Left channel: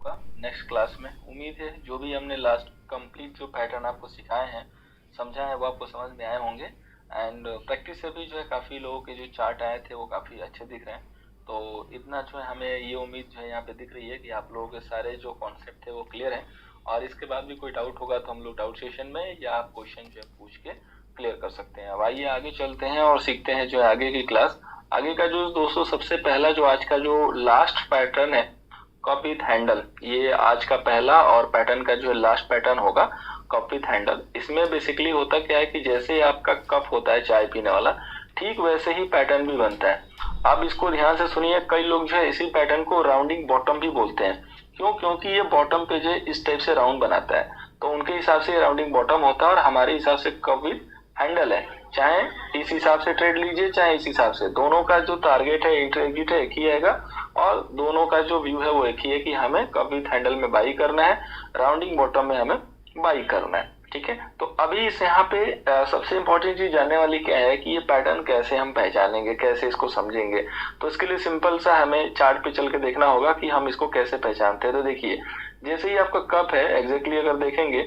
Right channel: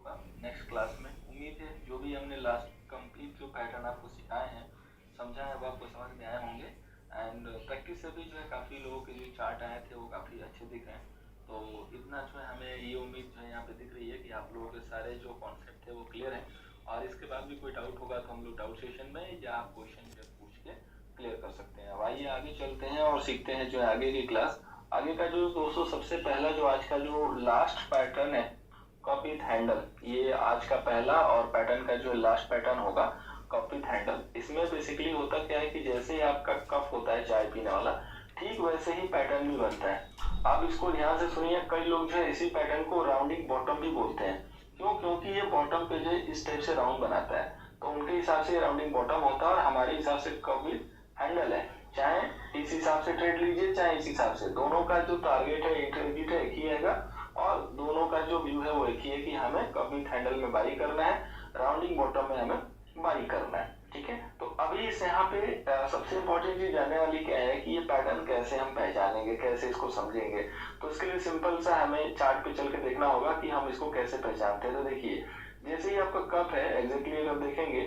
होगा next class में। उम्मीद है जो भी हमने लास्ट कंप्लीट जो पैटर्न आपको सिखाए हैं, समझा है, वो आपको समझ में आए होंगे। एंड प्रैक्टिस से भी जो है काफ़ी लोगों के जो चार्ट आए थे वो काफ़ी अच्छे दिख रहे हैं। तो इतना जो है हमें ये उम्मीद जो है यहाँ पे दिख रही है कि आप लोगों के सारे जो कॉन्सेप्ट थे वो क्लियर हैं। और इसके बाद भी कोई डाउट होगा तो हम लोग डाउट सेशन में या आप क्वेश्चन जो है पूछ के क्लियर कर सकते हैं। अब आइए आगे चलते हैं और सीखते हैं जो है आगे की क्लास। आगे का जो दोस्तों सबसे पहला जो आज का जो लास्ट पैटर्न है, कप विथ हैंडल, ये आज का पहला और पैटर्न का जो लास्ट पैटर्न होगा कप विथ हैंडल। इसमें बेसिकली होता क्या है कि जैसे आपका कप होता है चाय पीने वाला, ठीक वैसे ही पैटर्न भी बनता है। आप इसको ध्यान से सुनिए, कई लोग जो है इसी पैटर्न को राउंडिंग बॉटम भी बोलते हैं। क्यों? क्योंकि ये बॉटम पे जो है इस टाइप से राउंड बनाता है, तो उनके हिसाब से राउंडिंग बॉटम होता है और हमारे हिसाब से कप विथ हैंडल है। चाहे इस हिसाब से ट्रेड लीजिए चाहे इस हिसाब से, दोनों का जो टारगेट है एग्जिट है एक ही आएगा और दोनों का जो व्यू है वो एक ही है कि हमें कप विथ हैंडल में बाई करना है, राउंडिंग बॉटम में हमें बाई करना है। ठीक है, तो अभी इस यहाँ पे सबसे इंपॉर्टेंट चीज जानने वाली क्या है कि ये पैटर्न कैसे हम पहचानेंगे, कैसे इसको समझेंगे। तो इसके लिए सिंपल सा हमें चार्ट पे चल के देखना होगा कि हम इसको कैसे पहचानते हैं। तो देखिए, जैसे ही आपका कप है एग्जैक्टली अगर देखेंगे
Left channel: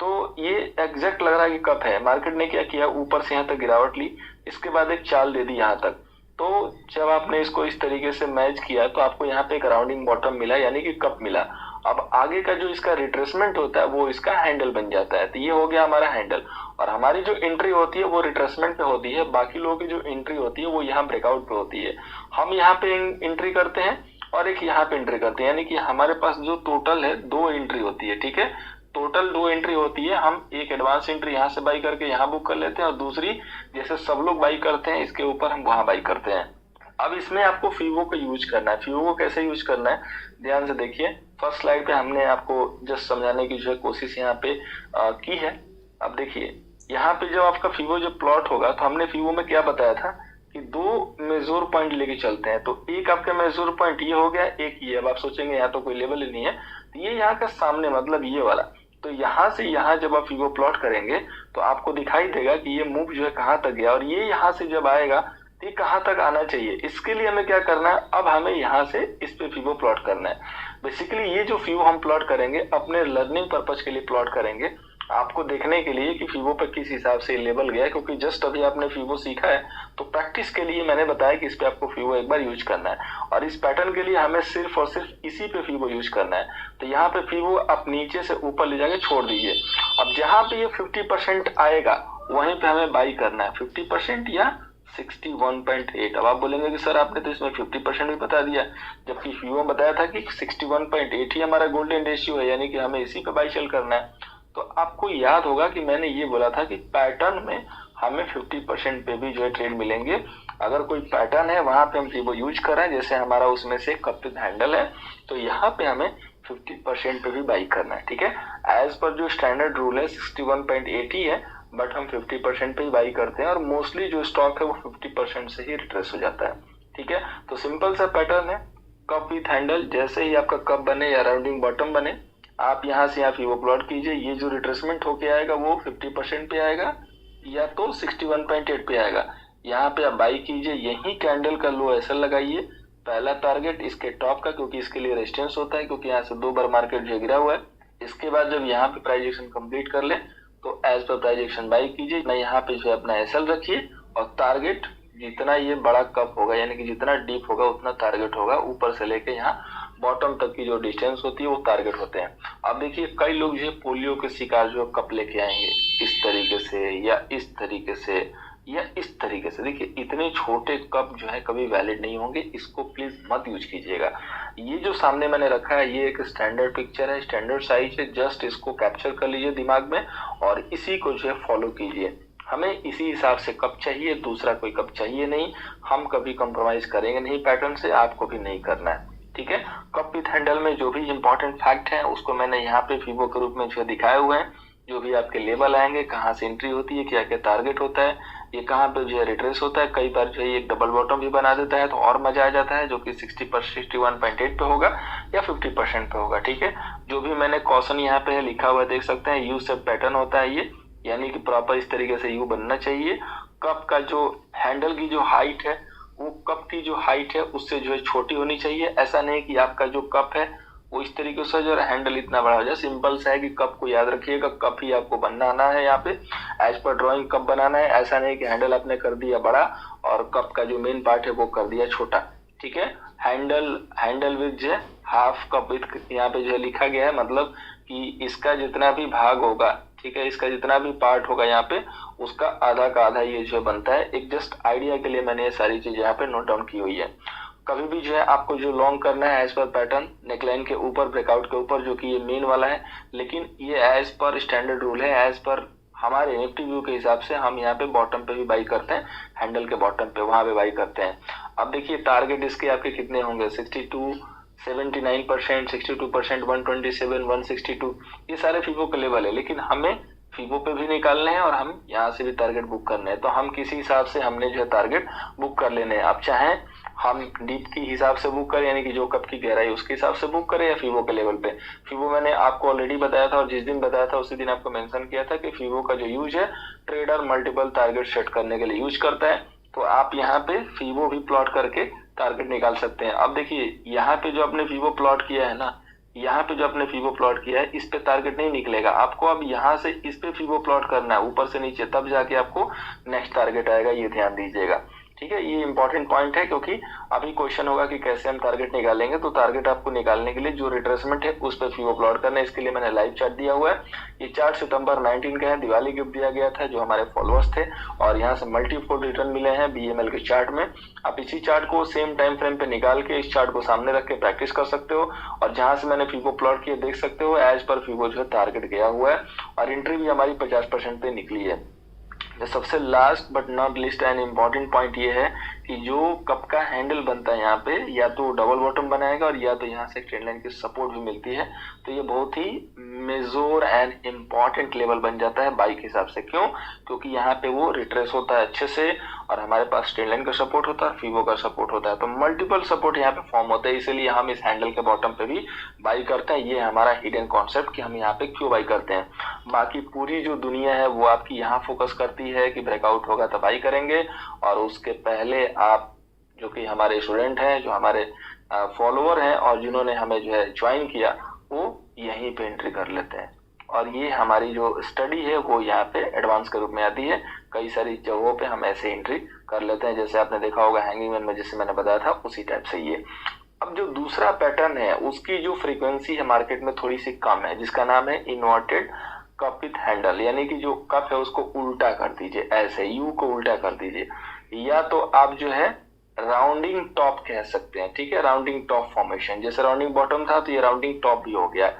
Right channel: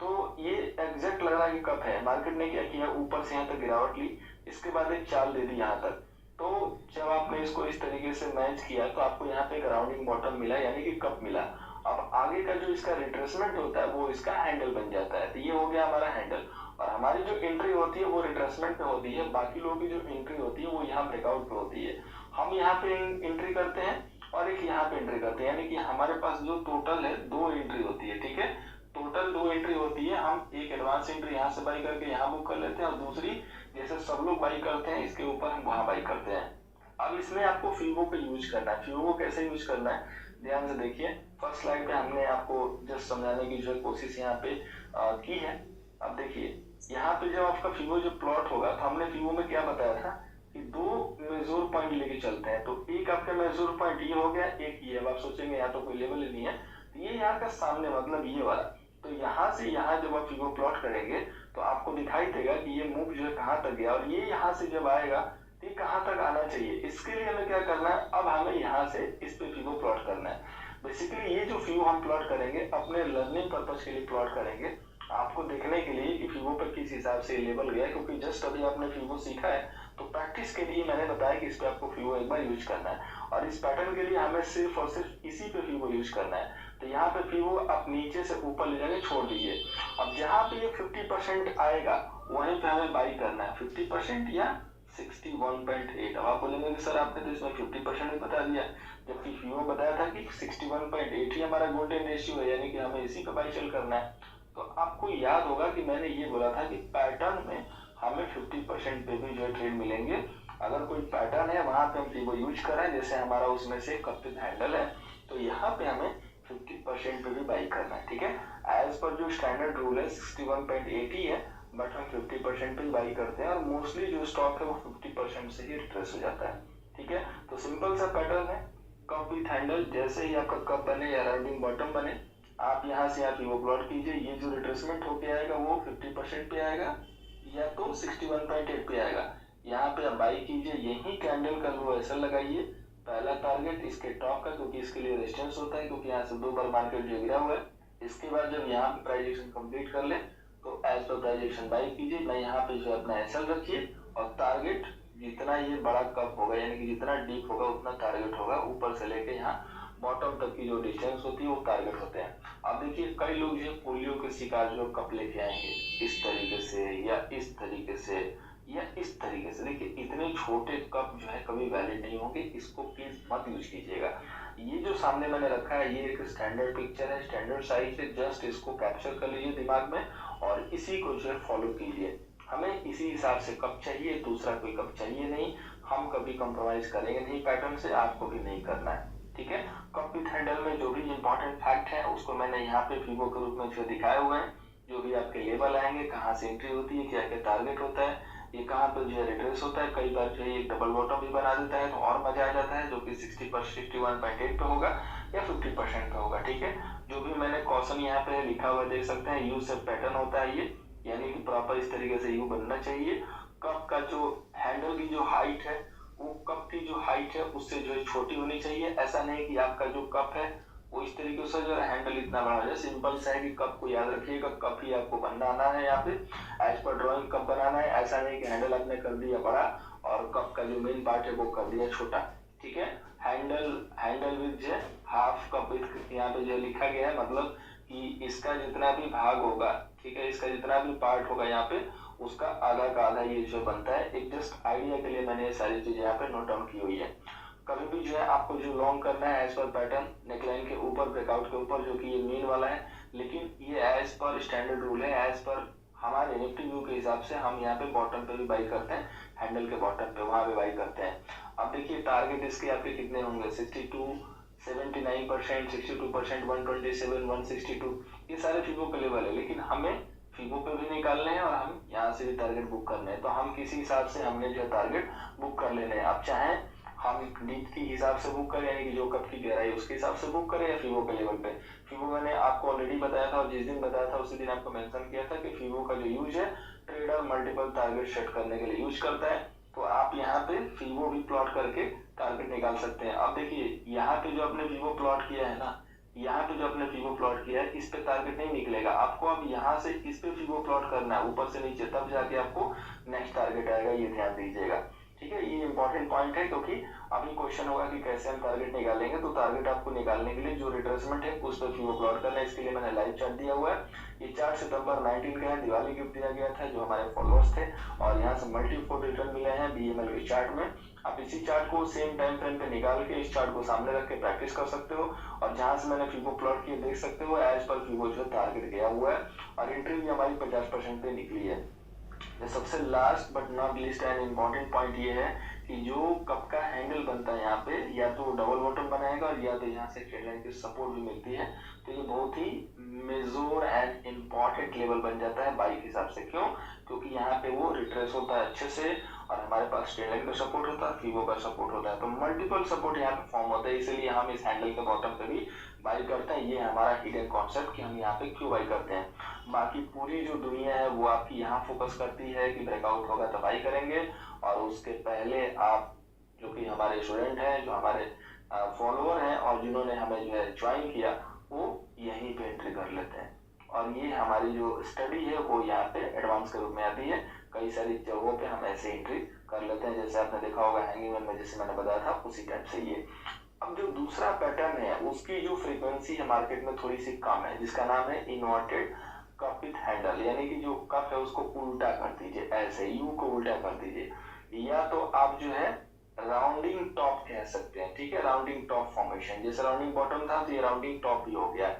तो ये एग्जैक्ट लग रहा है कि कप है। मार्केट ने क्या किया, ऊपर से यहाँ तक गिरावट ली, इसके बाद एक चाल दे दी यहाँ तक। तो जब आपने इसको इस तरीके से मैच किया तो आपको यहाँ पे एक राउंडिंग बॉटम मिला, यानी कि कप मिला। अब आगे का जो इसका रिट्रेसमेंट होता है वो इसका हैंडल बन जाता है। तो ये हो गया हमारा हैंडल, और हमारी जो एंट्री होती है वो रिट्रेसमेंट पे होती है। बाकी लोगों की जो एंट्री होती है वो यहाँ ब्रेकआउट पे होती है। हम यहाँ पे एंट्री करते हैं और एक यहाँ पे एंट्री करते हैं, यानी कि हमारे पास जो टोटल है 2 एंट्री होती है। ठीक है, टोटल 2 एंट्री होती है। हम एक एडवांस एंट्री यहाँ से बाई करके यहाँ बुक कर लेते हैं और दूसरी जैसे सब लोग बाई करते हैं इसके ऊपर हम वहां बाई करते हैं। अब इसमें आपको फीवो का यूज करना है। फीवो को कैसे यूज करना है, ध्यान से देखिए। फर्स्ट स्लाइड पे हमने आपको जस्ट समझाने की जो है कोशिश यहाँ पे की है। अब देखिए, यहाँ पे जब आपका फीवो जो प्लॉट होगा तो हमने फीवो में क्या बताया था कि 2 मेजर पॉइंट लेके चलते हैं। तो एक आपका मेजर पॉइंट ये हो गया, एक ये। अब आप सोचेंगे यहाँ तो कोई लेवल ही नहीं है, तो ये यहाँ का सामने मतलब ये वाला। तो यहाँ से यहाँ जब आप फीवो प्लॉट करेंगे तो आपको दिखाई देगा कि ये मूव जो है कहाँ तक गया, और ये यहाँ से जब आएगा तो ये कहाँ तक आना चाहिए। इसके लिए हमें क्या करना है, अब हमें यहाँ से इस पे फीवो प्लॉट करना है। बेसिकली ये जो फीवो हम प्लॉट करेंगे अपने लर्निंग पर्पज के लिए प्लॉट करेंगे, आपको देखने के लिए कि फीवो पे किस हिसाब से लेवल गया है। क्योंकि जस्ट अभी आपने फीवो सीखा है तो प्रैक्टिस के लिए मैंने बताया कि इस पे आपको फीवो एक बार यूज करना है, और इस पैटर्न के लिए हमें सिर्फ और सिर्फ इसी पे फीवो यूज करना है। तो यहाँ पे फीवो आप नीचे से ऊपर ले जाके छोड़ दीजिए। अब जहाँ पे ये 50% आएगा वहीं पे हमें बाई करना है, 50% या 61.8। अब आप बोलेंगे कि सर आपने तो इसमें 50% भी बता दिया, जबकि फीवो बताया था कि 61.8 ही हमारा गोल्डन रेशियो है, यानी कि हमें इसी पे बाई सेल करना है। तो आपको याद होगा कि मैंने ये बोला था कि पैटर्न में हमें 50% पे भी जो है ट्रेड मिलेंगे। अगर कोई पैटर्न है वहां पे हम फीवो यूज कर रहे हैं, जैसे हमारा उसमें से कप विथ हैंडल है, तो यहाँ पे हमें 50% पे भी बाई करना है। ठीक है, एज पर जो स्टैंडर्ड रूल है 61.8 ही है, बट हम 50% पे ही बाई करते हैं और मोस्टली जो स्टॉक है वो 50% से ही रिट्रेस हो जाता है। ठीक है, तो सिंपल सा पैटर्न है कप विथ हैंडल। जैसे ही आपका कप बने या राउंडिंग बॉटम बने, आप यहाँ से यहाँ फीवो प्लॉट कीजिए। ये जो रिट्रेसमेंट होके आएगा वो 50% पे आएगा या तो 61.8 पे आएगा। यहाँ पे आप बाई कीजिए, यही कैंडल का लो एसएल लगाइए, पहला टारगेट इसके टॉप का, क्योंकि इसके लिए रेजिस्टेंस होता है, क्योंकि यहाँ से 2 बार मार्केट जो गिरा हुआ है। इसके बाद जब यहाँ पे प्राइस एक्शन कंप्लीट कर ले तो as per price action by कीजिए। ना यहाँ पे जो है अपना एसएल रखिए और टारगेट जितना ये बड़ा कप होगा, यानी कि जितना डीप होगा उतना टारगेट होगा। ऊपर से लेके यहाँ बॉटम तक की जो डिस्टेंस होती है वो टारगेट होते हैं। अब देखिए, कई लोग जो है पोलियो के शिकार जो कप लेके आएंगे इस तरीके से या इस तरीके से या इस तरीके से। देखिए, इतने छोटे कप जो है कभी वैलिड नहीं होंगे, इसको प्लीज मत यूज कीजिएगा। ये जो सामने मैंने रखा है ये एक स्टैंडर्ड पिक्चर है, स्टैंडर्ड साइज है, जस्ट इसको कैप्चर कर लीजिए दिमाग में और इसी को जो है फॉलो कीजिए। हमें इसी हिसाब से कप चाहिए, दूसरा कोई कप चाहिए नहीं। हम कभी कंप्रोमाइज करेंगे नहीं पैटर्न से, आपको भी नहीं करना है। ठीक है, कप विथ हैंडल में जो भी इंपॉर्टेंट फैक्ट है उसको मैंने यहाँ पे फीवो के रूप में जो दिखाए हुए हैं। जो भी आपके लेवल आएंगे, कहाँ से एंट्री होती है, क्या क्या टारगेट होता है, ये कहाँ पे जो है रिट्रेस होता है। कई बार जो है एक डबल बॉटम भी बना देता है तो और मजा आ जाता है, जो कि 61.8 पे होगा या 50% पे होगा। ठीक है, जो भी मैंने कॉशन यहाँ पे लिखा हुआ देख सकते हैं, यू से पैटर्न होता है ये, यानी कि प्रॉपर इस तरीके से यू बनना चाहिए। कप का जो हैंडल की जो हाइट है वो कप की जो हाइट है उससे जो है छोटी होनी चाहिए। ऐसा नहीं कि आपका जो कप है वो इस तरीके से जो हैंडल इतना बड़ा हो जाए। सिंपल सा है कि कप को याद रखिएगा, कप ही आपको बनाना है यहाँ पे, एज पर ड्रॉइंग कप बनाना है। ऐसा नहीं कि हैंडल आपने कर दिया बड़ा और कप का जो मेन पार्ट है वो कर दिया छोटा, ठीक है। हैंडल विथ जो है हाफ कप विथ यहाँ पे जो लिखा गया है, मतलब कि इसका जितना भी भाग होगा, ठीक है, इसका जितना भी पार्ट होगा यहाँ पे उसका आधा का आधा ये जो बनता है। एक जस्ट आइडिया के लिए मैंने ये सारी चीजें यहाँ पे नोट डाउन की हुई है। कभी भी जो है आपको जो लॉन्ग करना है एज पर पैटर्न, नेकलाइन के ऊपर, ब्रेकआउट के ऊपर, जो कि ये मेन वाला है, लेकिन ये एज पर स्टैंडर्ड रूल है, एज पर हमारे निफ्टी व्यू के हिसाब से हम यहाँ पे बॉटम पे भी बाई करते हैं, हैंडल के बॉटम पे वहां पे बाई करते हैं। अब देखिए टारगेट इसके आपके कितने होंगे, 62, 79%, 62%, 127, 162, ये सारे फीबो के लेवल है, लेकिन हमें फीबो पे भी निकालने हैं और हम यहाँ से भी टारगेट बुक करने हैं। तो हम किसी हिसाब से हमने जो है टारगेट बुक कर लेने हैं। आप चाहें हम डीप की हिसाब से बुक करें, यानी कि जो कप की गहराई उसके हिसाब से बुक करें, या फीबो के लेवल पे। फीबो मैंने आपको ऑलरेडी बताया था, और जिस दिन बताया था उसी दिन आपको मेंशन किया था कि फीबो का जो यूज है ट्रेडर मल्टीपल टारगेट सेट करने के लिए यूज करता है। तो आप यहाँ पे फीबो भी प्लॉट करके टारगेट निकाल सकते हैं। अब देखिए यहाँ पे जो आपने फीबो प्लॉट किया है ना, यहाँ पे जो आपने फीबो प्लॉट किया है इस पे टारगेट नहीं निकलेगा आपको। अब यहाँ से इस पे फीबो प्लॉट करना है ऊपर से नीचे, तब जाके आपको नेक्स्ट टारगेट आएगा, ये ध्यान दीजिएगा, ठीक है। ये इंपॉर्टेंट पॉइंट है, क्योंकि अभी क्वेश्चन होगा कि कैसे हम टारगेट निकालेंगे। तो टारगेट आपको निकालने के लिए जो रिट्रेसमेंट है उस पर फीबो प्लॉट करना है। इसके लिए मैंने लाइव चार्ट दिया हुआ है। ये चार्ट सितंबर 19 का है, दिवाली गिफ्ट दिया गया था जो हमारे फॉलोअर्स थे, और यहाँ से मल्टीफोल्ड रिटर्न मिले हैं बीएमएल के चार्ट में। आप इसी चार्ट को सेम टाइम फ्रेम पे निकाल के इस चार्ट को सामने रख के प्रैक्टिस कर सकते हो, और जहां से मैंने फीबो प्लॉट किए देख सकते हो एज पर फीबो जो है टारगेट गया हुआ है, और एंट्री भी हमारी 50% पे निकली है। सबसे last but not list and important point ये है कि जो कप का हैंडल बनता है यहाँ पे, या तो डबल बॉटम बनाएगा और या तो यहाँ से ट्रेंड लाइन की सपोर्ट भी मिलती है। तो ये बहुत ही मेजर एंड इम्पॉर्टेंट लेवल बन जाता है बाई के हिसाब से। क्यों? क्योंकि यहाँ पे वो रिट्रेस होता है अच्छे से, और हमारे पास ट्रेंड लाइन का सपोर्ट होता है, फीबो का सपोर्ट होता है, तो मल्टीपल सपोर्ट यहाँ पे फॉर्म होता है। इसीलिए हम इस हैंडल के बॉटम पे भी बाई करते हैं। ये हमारा हिडन कॉन्सेप्ट कि हम यहाँ पे क्यों बाई करते हैं। बाकी पूरी जो दुनिया है वो आपकी यहाँ फोकस करती है कि ब्रेकआउट होगा तो बाई करेंगे, और उसके पहले आप जो कि हमारे स्टूडेंट हैं, जो हमारे फॉलोअर हैं और जिन्होंने हमें जो है ज्वाइन किया, वो यहीं पे एंट्री कर लेते हैं। और ये हमारी जो स्टडी है वो यहाँ पे एडवांस के रूप में आती है। कई सारी जगहों पे हम ऐसे एंट्री कर लेते हैं, जैसे आपने देखा होगा हैंगिंग मैन में, जैसे मैंने बताया था उसी टाइप से ये। अब जो दूसरा पैटर्न है उसकी जो फ्रीक्वेंसी है मार्केट में थोड़ी सी कम है, जिसका नाम है इन्वर्टेड कप विथ हैंडल, यानी कि जो कप है उसको उल्टा कर दीजिए, ऐसे यू को उल्टा कर दीजिए, या तो आप जो है राउंडिंग टॉप कह सकते हैं, ठीक है, राउंडिंग टॉप फॉर्मेशन। जैसे राउंडिंग बॉटम था तो ये राउंडिंग टॉप भी हो गया,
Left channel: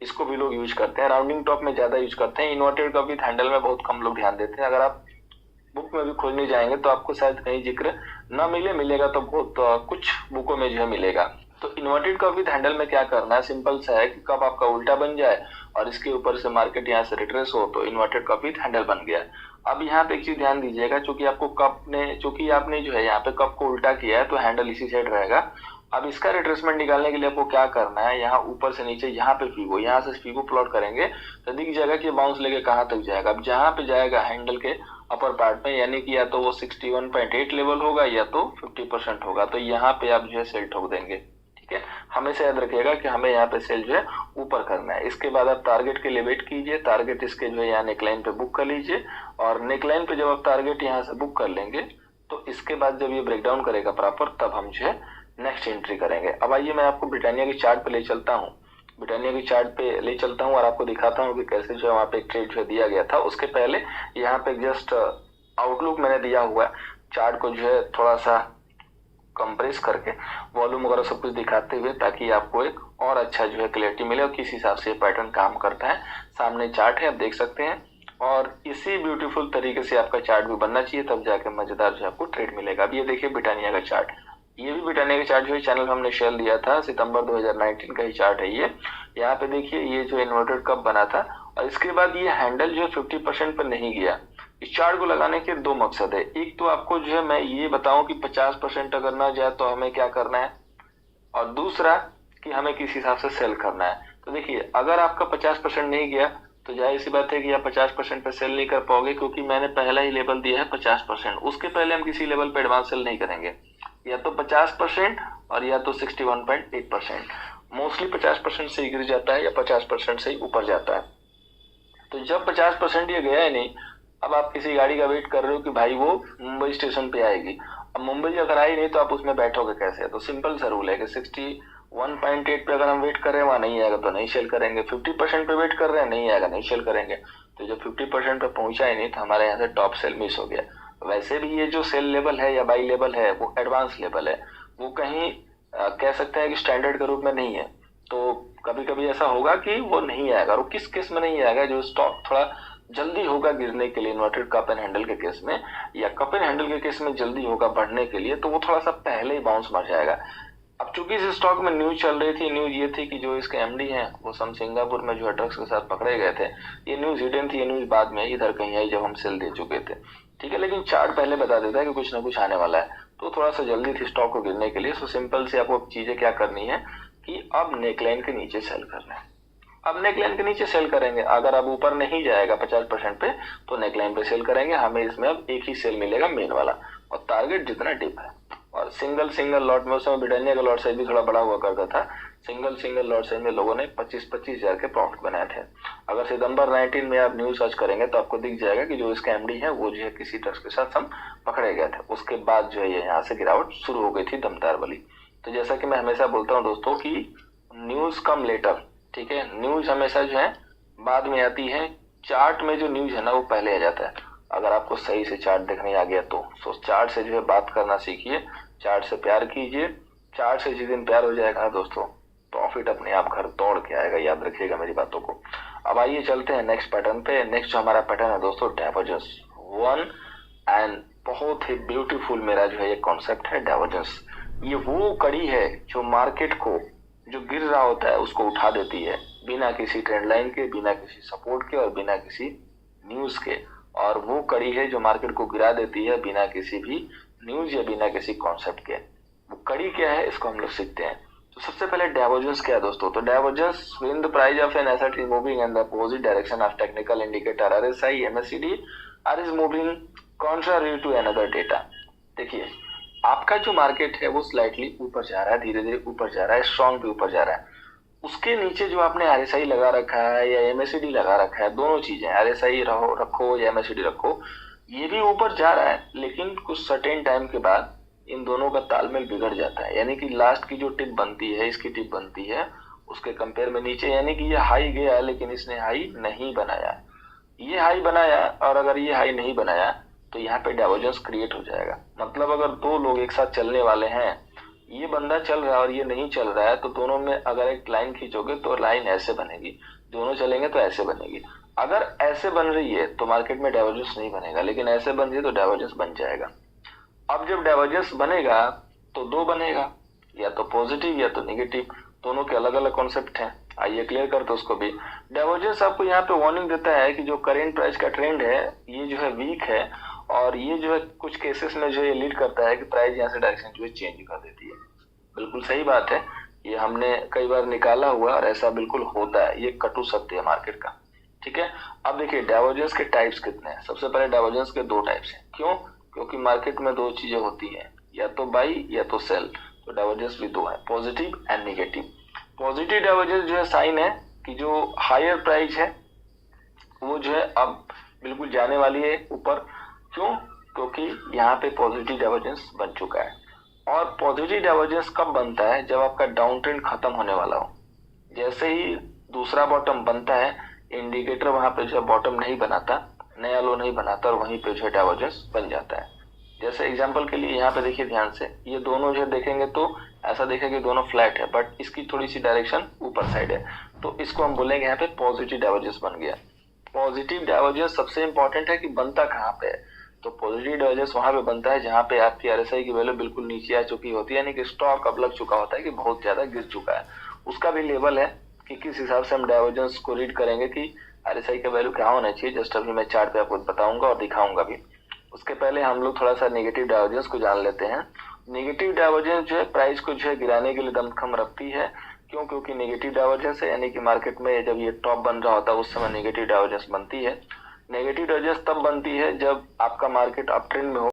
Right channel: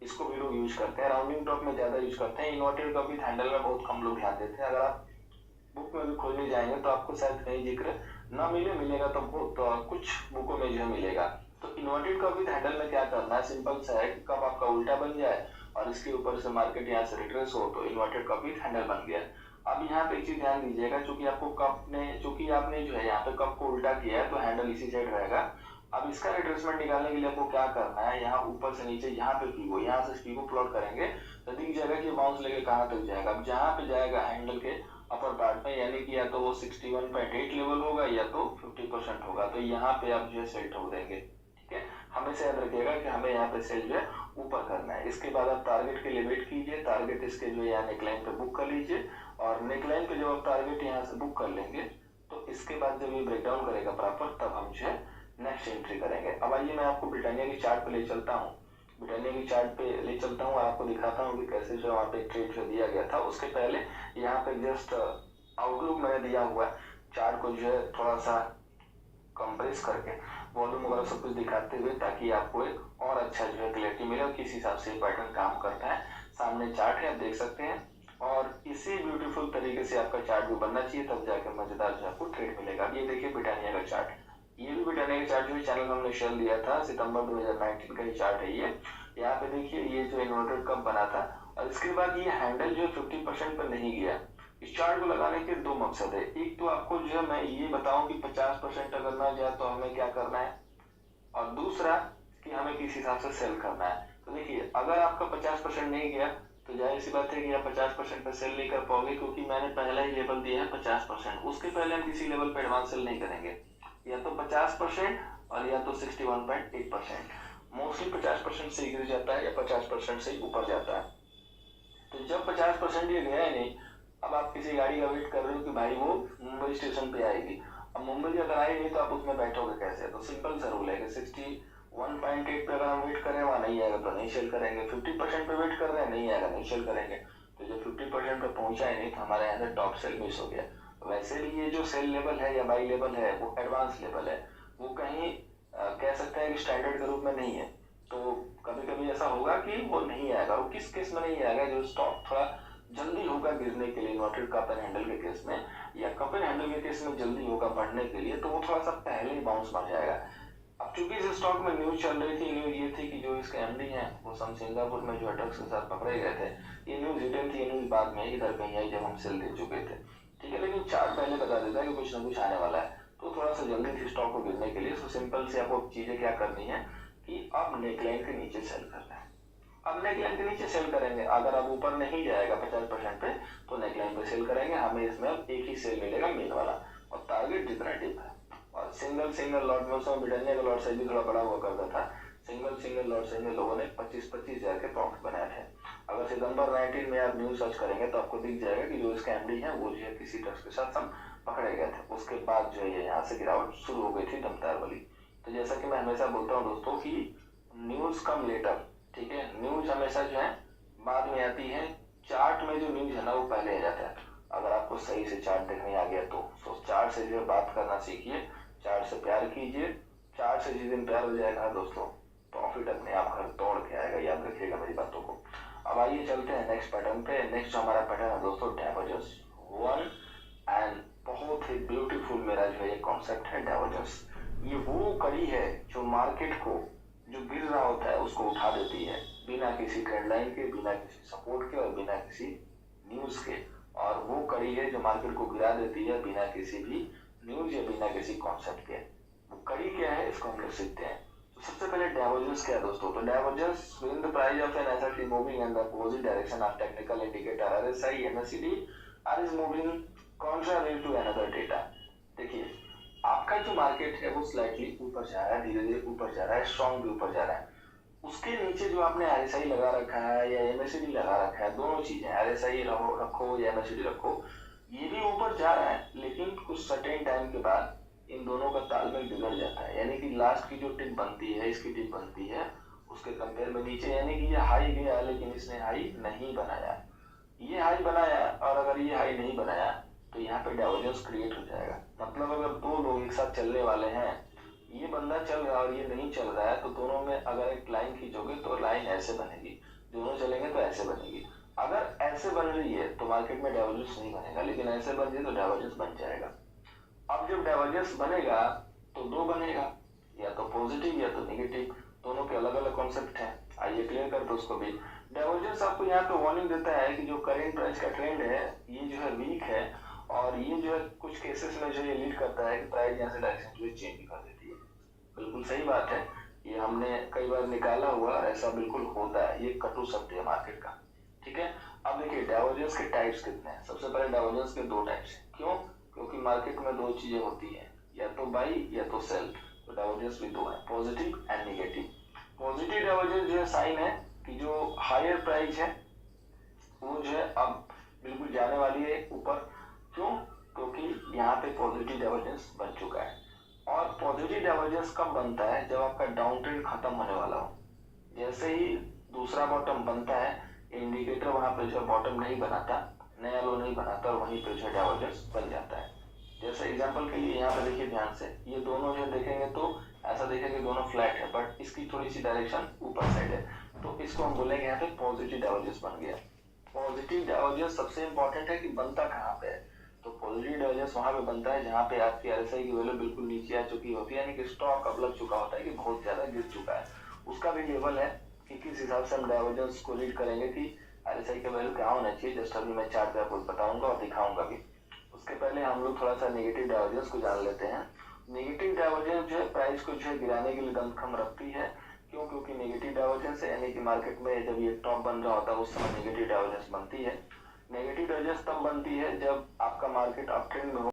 इसको भी लोग यूज करते हैं। राउंडिंग टॉप में ज्यादा यूज करते हैं, इन्वर्टेड कप विथ हैंडल में बहुत कम लोग ध्यान देते हैं। अगर आप बुक में भी खोजने जाएंगे तो आपको शायद कहीं जिक्र ना मिले, मिलेगा तो बहुत कुछ बुकों में जो है मिलेगा। तो इन्वर्टेड कप विथ हैंडल में क्या करना है, सिंपल सा है कि कप आपका उल्टा बन जाए और इसके ऊपर से मार्केट यहाँ से रिट्रेस हो, तो इन्वर्टेड कप विथ हैंडल बन गया। अब यहाँ पे एक चीज ध्यान दीजिएगा, चूंकि आपने जो है यहाँ पे कप को उल्टा किया है तो हैंडल इसी साइड रहेगा। अब इसका रिट्रेसमेंट निकालने के लिए आपको क्या करना है, यहाँ ऊपर से नीचे यहाँ पे फीबो, यहाँ से फीबो प्लॉट करेंगे तो दिख जाएगा कि बाउंस लेके कहाँ तक जाएगा। अब जहाँ पे जाएगा हैंडल के अपर पार्ट में, यानी कि या तो वो 61.8 लेवल होगा या तो 50% होगा, तो यहाँ पे आप जो है सेल ठोक देंगे, ठीक है। हमेशा याद रखिएगा कि हमें यहाँ पे सेल जो है ऊपर करना है। इसके बाद आप टारगेट के लिए वेट कीजिए, टारगेट इसके जो है यहाँ नेकलाइन पे बुक कर लीजिए, और नेकलाइन पे जब आप टारगेट यहाँ से बुक कर लेंगे तो इसके बाद जब ये ब्रेकडाउन करेगा प्रॉपर, तब हम जो है नेक्स्ट एंट्री करेंगे। अब आइए मैं आपको ब्रिटानिया की चार्ट पे ले चलता हूँ, ब्रिटानिया की चार्ट पे ले चलता हूँ और आपको दिखाता हूँ कि कैसे जो है वहाँ पे एक ट्रेड जो दिया गया था। उसके पहले यहाँ पे जस्ट आउटलुक मैंने दिया हुआ है, चार्ट को जो है थोड़ा सा कंप्रेस करके वॉल्यूम वगैरह सब कुछ दिखाते हुए, ताकि आपको एक और अच्छा जो है क्लैरिटी मिले और किस हिसाब से पैटर्न काम करता है। सामने चार्ट है, आप देख सकते हैं, और इसी ब्यूटीफुल तरीके से आपका चार्ट भी बनना चाहिए, तब जाके मजेदार जो आपको ट्रेड मिलेगा। अब ये देखिए ब्रिटानिया का चार्ट, ये भी ब्रिटानिया का चार्ट जो है चैनल हमने शेयर दिया था, सितंबर 2019 का ही चार्ट है ये। यहाँ पे देखिए ये जो इन्वर्टेड कप बना था, और इसके बाद ये हैंडल जो 50% पर नहीं गया। इस चार्ट को लगाने के दो मकसद है, एक तो आपको जो है मैं ये बताऊं कि 50% अगर ना जाए तो हमें क्या करना है, और दूसरा कि हमें किस हिसाब से सेल करना है। तो देखिए अगर आपका 50% नहीं गया तो जाहिर सी बात है कि आप 50% पे सेल नहीं कर पाओगे, क्योंकि मैंने पहला ही लेवल दिया है 50%। उसके पहले हम किसी लेवल पे एडवांस सेल नहीं करेंगे, या तो 50% और या तो 61.8%। मोस्टली 50% से ही गिर जाता है या 50% से ही ऊपर जाता है। तो जब 50% ये गया ही नहीं, अब आप किसी गाड़ी का वेट कर रहे हो कि भाई वो मुंबई स्टेशन पे आएगी। अब मुंबई अगर आई नहीं तो आप उसमें बैठोगे कैसे? तो सिंपल सा रूल है कि 61.8 पे अगर हम वेट कर रहे हैं वहां नहीं आएगा तो नहीं सेल करेंगे, 50% पे वेट कर रहे हैं नहीं आएगा नहीं सेल करेंगे। तो जब 50% पे पहुंचा ही नहीं तो हमारे यहाँ से टॉप सेल मिस हो गया। वैसे भी ये जो सेल लेवल है या बाई लेवल है वो एडवांस लेवल है, वो कहीं कह सकते हैं कि स्टैंडर्ड के रूप में नहीं है। तो कभी कभी ऐसा होगा कि वो नहीं आएगा। और किस केस में नहीं आएगा? जो स्टॉक थोड़ा जल्दी होगा गिरने के लिए, इन्वर्टेड कप एंड हैंडल के केस में या कप एंड हैंडल के केस में जल्दी होगा बढ़ने के लिए, तो वो थोड़ा सा पहले ही बाउंस मार जाएगा। अब चूंकि इस स्टॉक में न्यूज चल रही थी, न्यूज ये थी कि जो इसके एमडी हैं वो सम सिंगापुर में जो है ड्रग्स के साथ पकड़े गए थे। ये न्यूज हिडन थी, ये न्यूज बाद में इधर कहीं आई जब हम सेल दे चुके थे, ठीक है। लेकिन चार्ट पहले बता देता है कि कुछ ना कुछ आने वाला है, तो थोड़ा सा जल्दी थी स्टॉक को गिरने के लिए। सो सिंपल से आपको चीजें क्या करनी है कि अब नेकलाइन के नीचे सेल करना है। अब नेकलाइन के नीचे सेल करेंगे, अगर अब ऊपर नहीं जाएगा 50% पे तो नेकलाइन पे सेल करेंगे। हमें इसमें अब एक ही सेल मिलेगा मेन वाला, और टारगेट जितना डिप है। और सिंगल लॉट में उस समय ब्रिटानिया का लॉट साइज भी थोड़ा बड़ा हुआ करता था। सिंगल लॉट साइज में लोगों ने 25-25 हजार के प्रॉफिट बनाए थे। अगर सितंबर 19 में आप न्यूज सर्च करेंगे तो आपको दिख जाएगा कि जो इसका एमडी है वो जो है किसी ड्रग्स के साथ हम पकड़े गए थे। उसके बाद जो है ये यहाँ से गिरावट शुरू हो गई थी दमदार वाली। तो जैसा कि मैं हमेशा बोलता हूँ दोस्तों कि न्यूज कम लेटर, ठीक है। न्यूज हमेशा जो है बाद में आती है, चार्ट में जो न्यूज है ना वो पहले आ जाता है। अगर आपको सही से चार्ट देखने आ गया तो चार्ट से जो है बात करना सीखिए, चार्ट से प्यार कीजिए। चार्ट से जिस दिन प्यार हो जाएगा ना दोस्तों, प्रॉफिट अपने आप घर तोड़ के आएगा, याद रखिएगा मेरी बातों को। अब आइए चलते हैं नेक्स्ट पैटर्न पे। नेक्स्ट जो हमारा पैटर्न है दोस्तों, डाइवर्जेंस वन, एंड बहुत ही ब्यूटीफुल मेरा जो है ये कॉन्सेप्ट है डाइवर्जेंस। ये वो कड़ी है जो मार्केट को जो गिर रहा होता है उसको उठा देती है, बिना किसी ट्रेंड लाइन के, बिना किसी सपोर्ट के और बिना किसी न्यूज के। और वो कड़ी है जो मार्केट को गिरा देती है बिना किसी भी न्यूज या बिना किसी कॉन्सेप्ट के। वो कड़ी क्या है इसको हम लोग सीखते हैं। तो सबसे पहले डाइवर्जेंस क्या है दोस्तों? तो divergence when the price of an asset is moving in the opposite direction of technical indicator RSI MACD or is moving contrary to another data. देखिए आपका जो मार्केट है वो स्लाइटली ऊपर जा रहा है, धीरे धीरे ऊपर जा रहा है, स्ट्रॉन्ग भी ऊपर जा रहा है। उसके नीचे जो आपने आरएसआई लगा रखा है या एमएसीडी लगा रखा है, दोनों चीजें आरएसआई रखो या एमएसीडी रखो, ये भी ऊपर जा रहा है, लेकिन कुछ सर्टेन टाइम के बाद इन दोनों का तालमेल बिगड़ जाता है। यानी कि लास्ट की जो टिप बनती है, इसकी टिप बनती है, उसके कंपेयर में नीचे, यानी कि ये हाई गया लेकिन इसने हाई नहीं बनाया, ये हाई बनाया और अगर ये हाई नहीं बनाया तो यहाँ पे डाइवर्जेंस क्रिएट हो जाएगा। मतलब अगर दो लोग एक साथ चलने वाले हैं, ये बंदा चल रहा है और ये नहीं चल रहा है, तो दोनों में अगर एक लाइन खींचोगे तो लाइन ऐसे बनेगी, दोनों चलेंगे तो ऐसे बनेगी। अगर ऐसे बन रही है तो मार्केट में डाइवर्जेंस नहीं बनेगा, लेकिन ऐसे बन रही है तो डाइवर्जेंस बन जाएगा। अब जब डाइवर्जेंस बनेगा तो दो बनेगा, या तो पॉजिटिव या तो निगेटिव, दोनों के अलग अलग कॉन्सेप्ट हैं। आइए क्लियर करते उसको भी। डाइवर्जेंस आपको यहाँ पे वार्निंग देता है कि जो करेंट प्राइस का ट्रेंड है ये जो है वीक है, और ये जो है कुछ केसेस में जो ये लीड करता है कि प्राइस यहाँ से डायरेक्शन जो है चेंज कर देती है। बिल्कुल सही बात है, ये हमने कई बार निकाला हुआ और ऐसा बिल्कुल होता है, ये कटु सत्य है मार्केट का, ठीक है। अब देखिए डाइवर्जेंस के टाइप्स कितने हैं। सबसे पहले डाइवर्जेंस के दो टाइप्स हैं। क्यों? क्योंकि मार्केट में दो चीजें होती हैं, या तो बाई या तो सेल। तो डाइवर्जेंस भी दो है, positive and negative. Positive divergence जो है साइन है कि जो हायर प्राइस है वो जो है अब बिल्कुल जाने वाली है ऊपर। क्यों? क्योंकि यहाँ पे पॉजिटिव डाइवर्जेंस बन चुका है। और पॉजिटिव डाइवर्जेंस कब बनता है? जब आपका डाउन ट्रेंड खत्म होने वाला हो। जैसे ही दूसरा बॉटम बनता है, इंडिकेटर वहां पे जो बॉटम नहीं बनाता, नया लो नहीं बनाता, और वहीं पे जो है डाइवर्जेंस बन जाता है। जैसे एग्जांपल के लिए यहाँ पे देखिए ध्यान से, ये दोनों जो देखेंगे तो ऐसा देखेंगे दोनों फ्लैट है, बट इसकी थोड़ी सी डायरेक्शन ऊपर साइड है, तो इसको हम बोलेंगे यहाँ पे पॉजिटिव डाइवर्जेंस बन गया। पॉजिटिव डाइवर्जेंस सबसे इंपॉर्टेंट है कि बनता कहाँ पे है। तो पॉजिटिव डाइवर्जेंस वहां पे बनता है जहां पे आपकी आरएसआई की वैल्यू बिल्कुल नीचे आ चुकी होती है, यानी कि स्टॉक अब लग चुका होता है कि बहुत ज्यादा गिर चुका है। उसका भी लेवल है कि किस हिसाब से हम डाइवर्जेंस को रीड करेंगे कि आरएसआई का वैल्यू क्या होना चाहिए। जस्ट अभी मैं चार्ट पे आपको बताऊंगा और दिखाऊंगा भी। उसके पहले हम लोग थोड़ा सा नेगेटिव डाइवर्जेंस को जान लेते हैं। नेगेटिव डाइवर्जेंस जो है प्राइस को जो है गिराने के लिए दमखम रखती है। क्यों? क्योंकि नेगेटिव डाइवर्जेंस है, यानी कि मार्केट में जब ये टॉप बन रहा होता है उस समय नेगेटिव डाइवर्जेंस बनती है। नेगेटिव डाइवर्जेंस तब बनती है जब आपका मार्केट अप ट्रेंड में हो